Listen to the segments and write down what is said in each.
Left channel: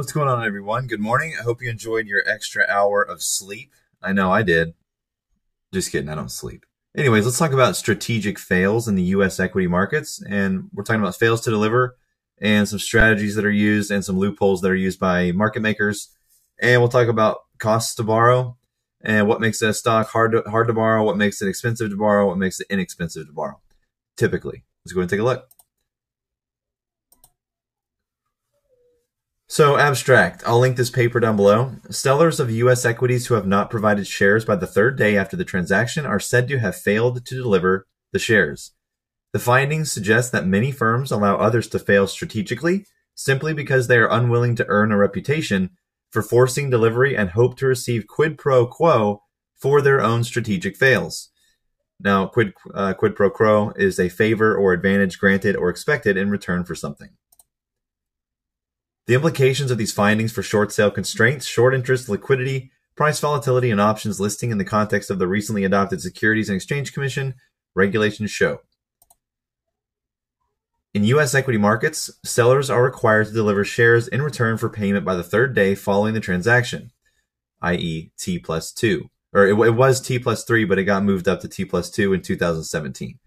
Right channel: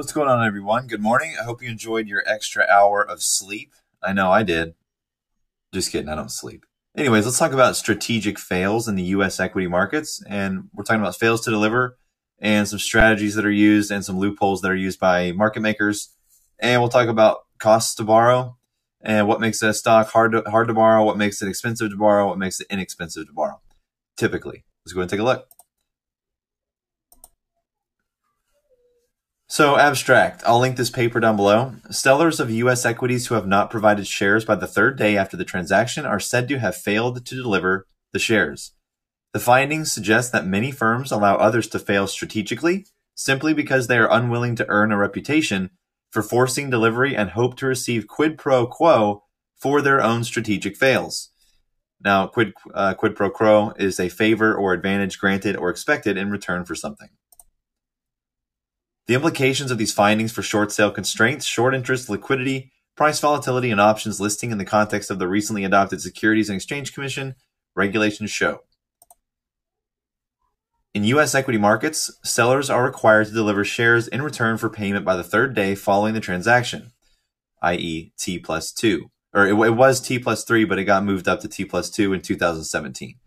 What's going on, everyone? Good morning. I hope you enjoyed your extra hour of sleep. I know I did. Just kidding, I don't sleep. Anyways, let's talk about strategic fails in the U.S. equity markets. And we're talking about fails to deliver and some strategies that are used and some loopholes that are used by market makers. And we'll talk about costs to borrow and what makes a stock hard to borrow, what makes it expensive to borrow, what makes it inexpensive to borrow, typically. Let's go ahead and take a look. So abstract, I'll link this paper down below. Sellers of U.S. equities who have not provided shares by the third day after the transaction are said to have failed to deliver the shares. The findings suggest that many firms allow others to fail strategically simply because they are unwilling to earn a reputation for forcing delivery and hope to receive quid pro quo for their own strategic fails. Now, quid pro quo is a favor or advantage granted or expected in return for something. The implications of these findings for short sale constraints, short interest, liquidity, price volatility, and options listing in the context of the recently adopted Securities and Exchange Commission regulations show. In U.S. equity markets, sellers are required to deliver shares in return for payment by the third day following the transaction, i.e. T plus 2. Or it was T plus 3, but it got moved up to T plus 2 in 2017.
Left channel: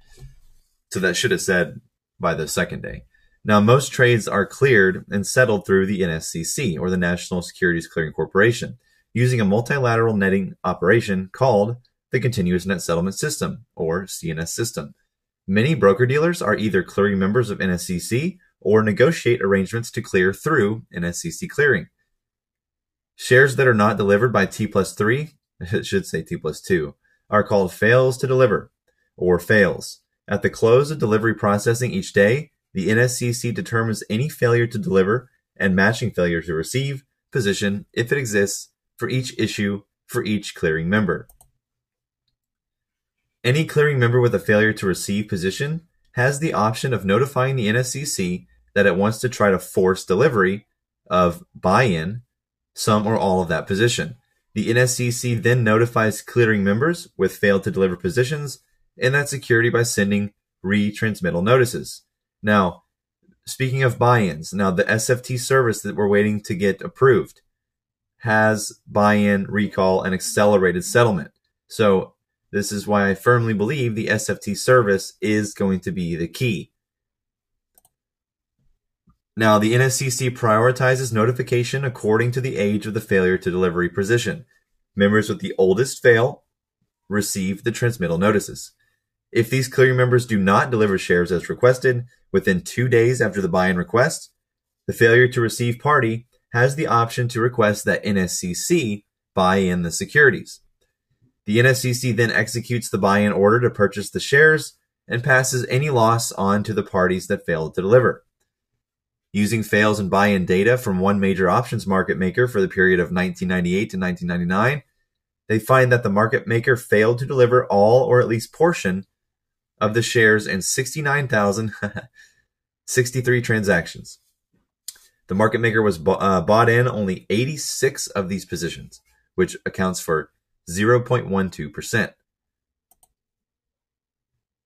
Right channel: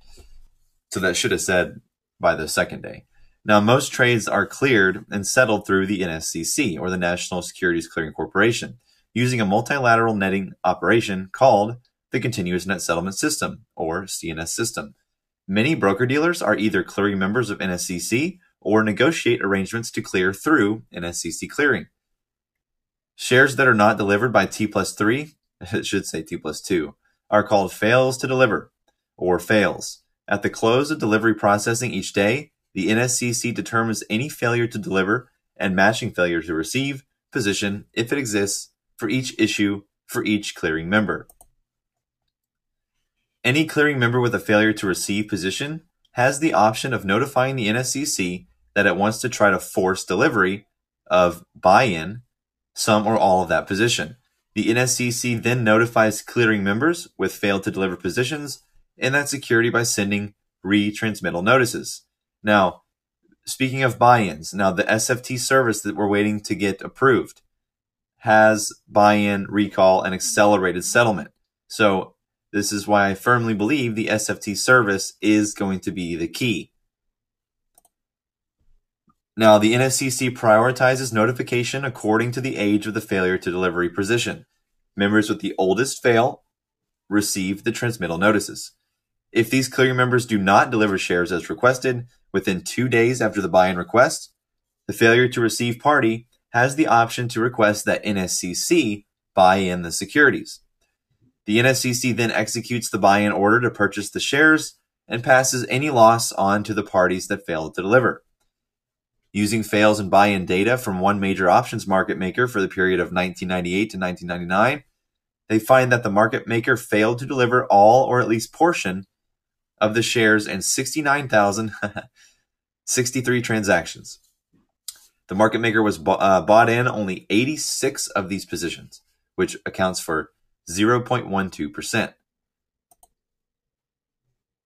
So that should have said by the second day. Now, most trades are cleared and settled through the NSCC, or the National Securities Clearing Corporation, using a multilateral netting operation called the Continuous Net Settlement System, or CNS system. Many broker-dealers are either clearing members of NSCC or negotiate arrangements to clear through NSCC clearing. Shares that are not delivered by T plus 3, it should say T plus 2, are called fails to deliver, or fails. At the close of delivery processing each day, the NSCC determines any failure to deliver and matching failure to receive position, if it exists, for each issue for each clearing member. Any clearing member with a failure to receive position has the option of notifying the NSCC that it wants to try to force delivery of buy-in, some or all of that position. The NSCC then notifies clearing members with failed to deliver positions in that security by sending retransmittal notices. Now, speaking of buy-ins, now the SFT service that we're waiting to get approved has buy-in, recall, and accelerated settlement. So this is why I firmly believe the SFT service is going to be the key. Now, the NSCC prioritizes notification according to the age of the failure to delivery position. Members with the oldest fail receive the transmittal notices. If these clearing members do not deliver shares as requested within 2 days after the buy-in request, the failure to receive party has the option to request that NSCC buy in the securities. The NSCC then executes the buy-in order to purchase the shares and passes any loss on to the parties that failed to deliver. Using fails and buy-in data from one major options market maker for the period of 1998 to 1999, they find that the market maker failed to deliver all or at least portion of the shares in 69,063 transactions. The market maker was bought in only 86 of these positions, which accounts for 0.12%.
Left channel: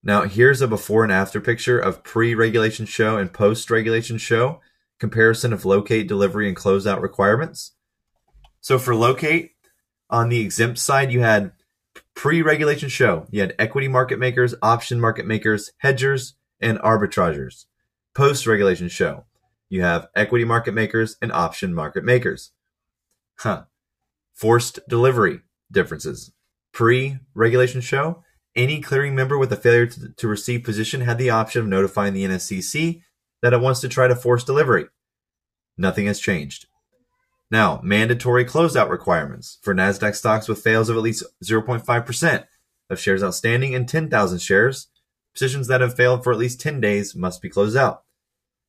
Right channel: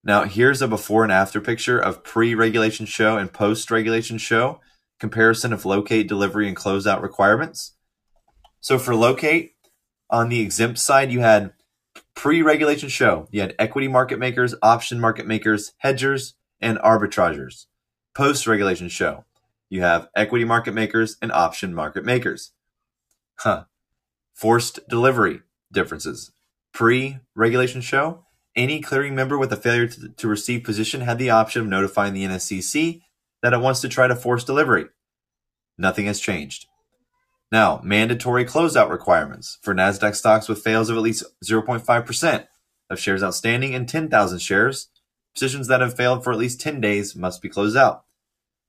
Now, here's a before and after picture of pre-regulation show and post-regulation show, comparison of locate, delivery, and closeout requirements. So for locate, on the exempt side, you had pre-regulation show, you had equity market makers, option market makers, hedgers, and arbitragers. Post-regulation show, you have equity market makers and option market makers. Forced delivery differences. Pre-regulation show, any clearing member with a failure to receive position had the option of notifying the NSCC that it wants to try to force delivery. Nothing has changed. Now, mandatory closeout requirements for NASDAQ stocks with fails of at least 0.5% of shares outstanding and 10,000 shares. Positions that have failed for at least 10 days must be closed out.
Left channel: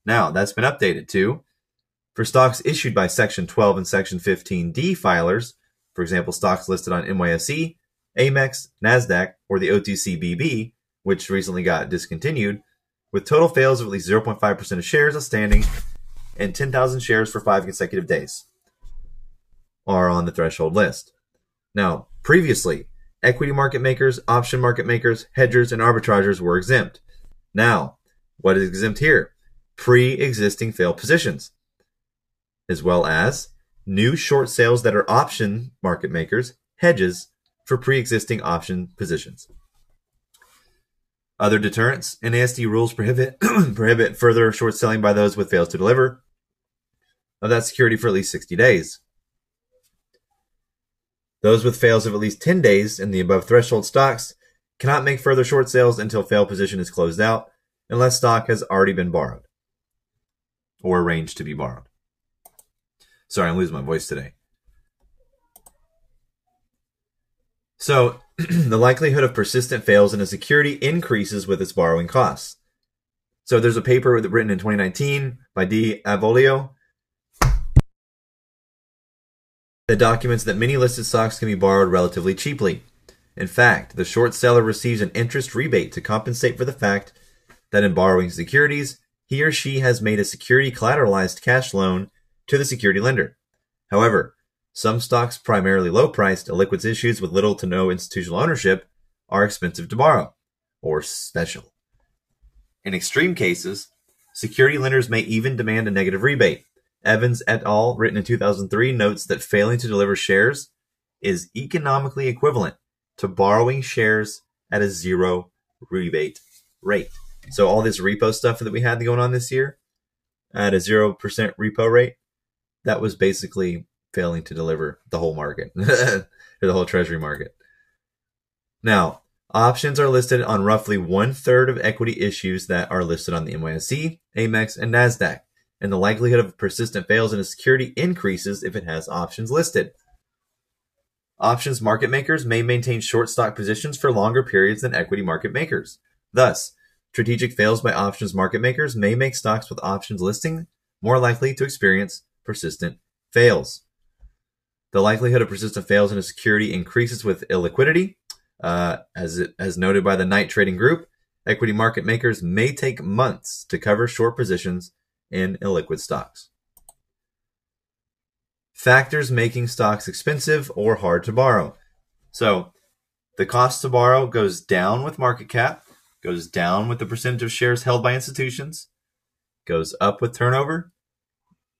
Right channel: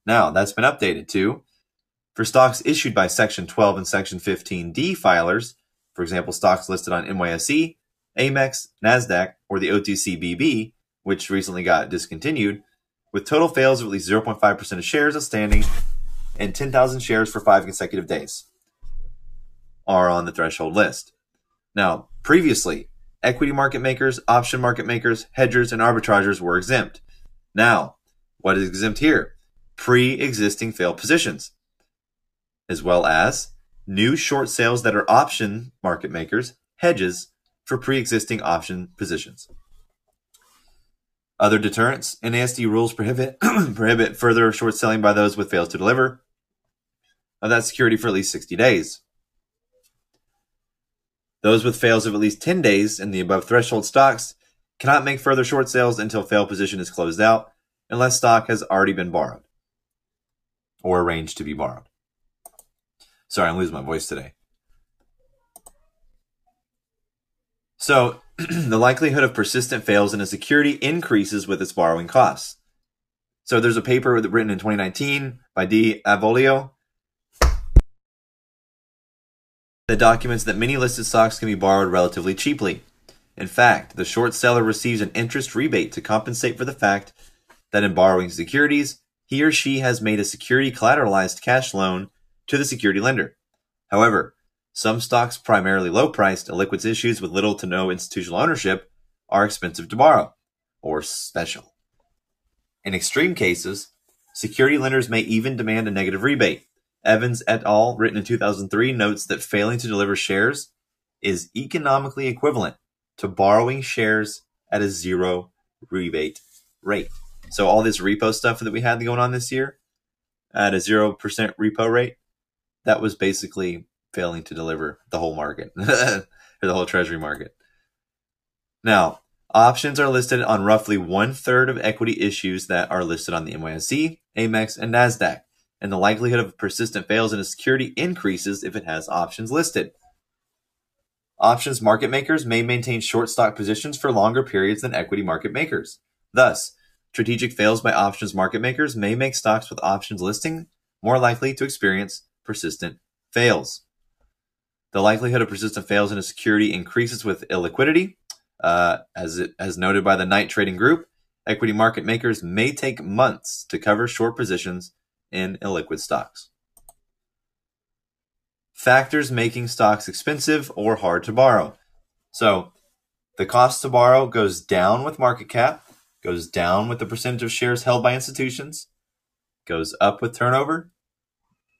Now, that's been updated to, for stocks issued by Section 12 and Section 15D filers, for example, stocks listed on NYSE, Amex, NASDAQ, or the OTCBB, which recently got discontinued, with total fails of at least 0.5% of shares outstanding and 10,000 shares for 5 consecutive days, are on the threshold list. Now, previously, equity market makers, option market makers, hedgers, and arbitragers were exempt. Now, what is exempt here? Pre-existing failed positions. as well as new short sales that are option market makers, hedges for pre-existing option positions. Other deterrents, NASD rules prohibit further short selling by those with fails to deliver of that security for at least 60 days. Those with fails of at least 10 days in the above threshold stocks cannot make further short sales until fail position is closed out unless stock has already been borrowed or arranged to be borrowed. Sorry, I'm losing my voice today. So, the likelihood of persistent fails in a security increases with its borrowing costs. So, there's a paper written in 2019 by D. Avolio that documents that many listed stocks can be borrowed relatively cheaply. In fact, the short seller receives an interest rebate to compensate for the fact that in borrowing securities, he or she has made a security collateralized cash loan to the security lender. However, some stocks, primarily low-priced, illiquid issues with little to no institutional ownership, are expensive to borrow, or special. In extreme cases, security lenders may even demand a negative rebate. Evans et al., written in 2003, notes that failing to deliver shares is economically equivalent to borrowing shares at a zero rebate rate. So all this repo stuff that we had going on this year at a 0% repo rate, that was basically failing to deliver the whole market, or the whole treasury market. Now, options are listed on roughly 1/3 of equity issues that are listed on the NYSE, Amex, and NASDAQ, and the likelihood of persistent fails in a security increases if it has options listed. Options market makers may maintain short stock positions for longer periods than equity market makers. Thus, strategic fails by options market makers may make stocks with options listing more likely to experience persistent fails. The likelihood of persistent fails in a security increases with illiquidity. As noted by the Knight Trading Group, equity market makers may take months to cover short positions in illiquid stocks. Factors making stocks expensive or hard to borrow. So, the cost to borrow goes down with market cap, goes down with the percentage of shares held by institutions, goes up with turnover,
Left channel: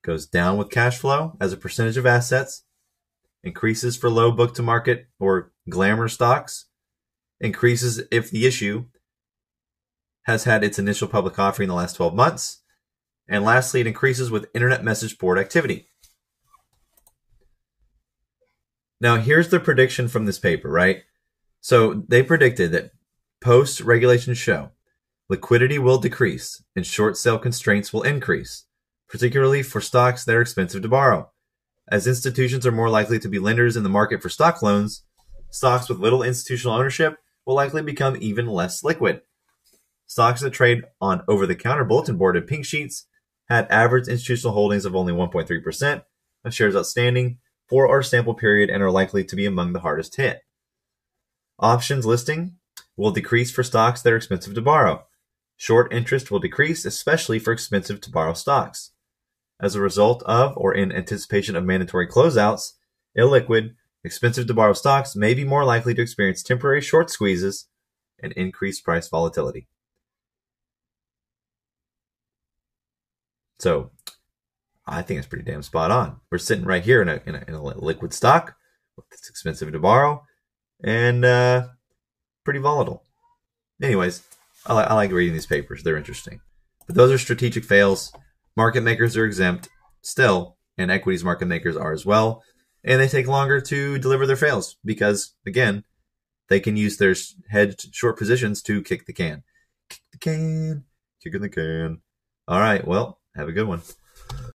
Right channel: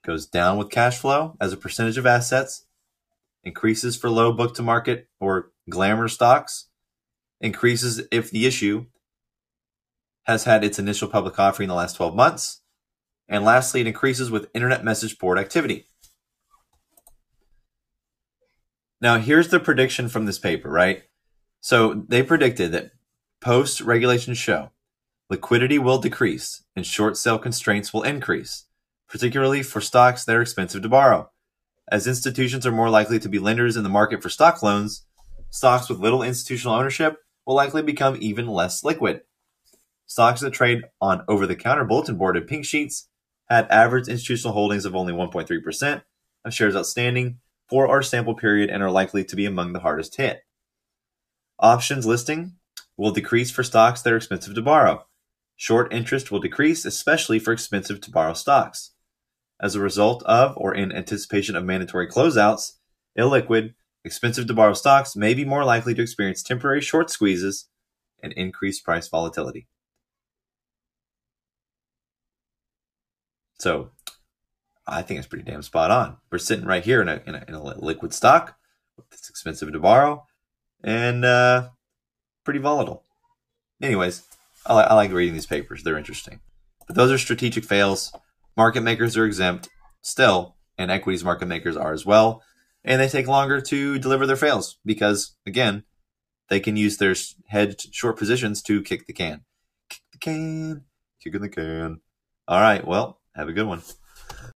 goes down with cash flow as a percentage of assets, increases for low book to market or glamour stocks, increases if the issue has had its initial public offering in the last 12 months, and lastly, it increases with internet message board activity. Now, here's the prediction from this paper, right? So they predicted that post-regulation show, liquidity will decrease and short sale constraints will increase, particularly for stocks that are expensive to borrow. As institutions are more likely to be lenders in the market for stock loans, stocks with little institutional ownership will likely become even less liquid. Stocks that trade on over-the-counter bulletin board and pink sheets had average institutional holdings of only 1.3% of shares outstanding for our sample period and are likely to be among the hardest hit. Options listing will decrease for stocks that are expensive to borrow. Short interest will decrease, especially for expensive to borrow stocks. As a result of or in anticipation of mandatory closeouts, illiquid, expensive to borrow stocks may be more likely to experience temporary short squeezes and increased price volatility. So, I think it's pretty damn spot on. We're sitting right here in a liquid stock. It's expensive to borrow and pretty volatile. Anyways, I like reading these papers. They're interesting. But those are strategic fails. Market makers are exempt still, and equities market makers are as well. And they take longer to deliver their fails because, again, they can use their hedged short positions to kick the can. Kick the can. Kicking the can. All right, well, have a good one.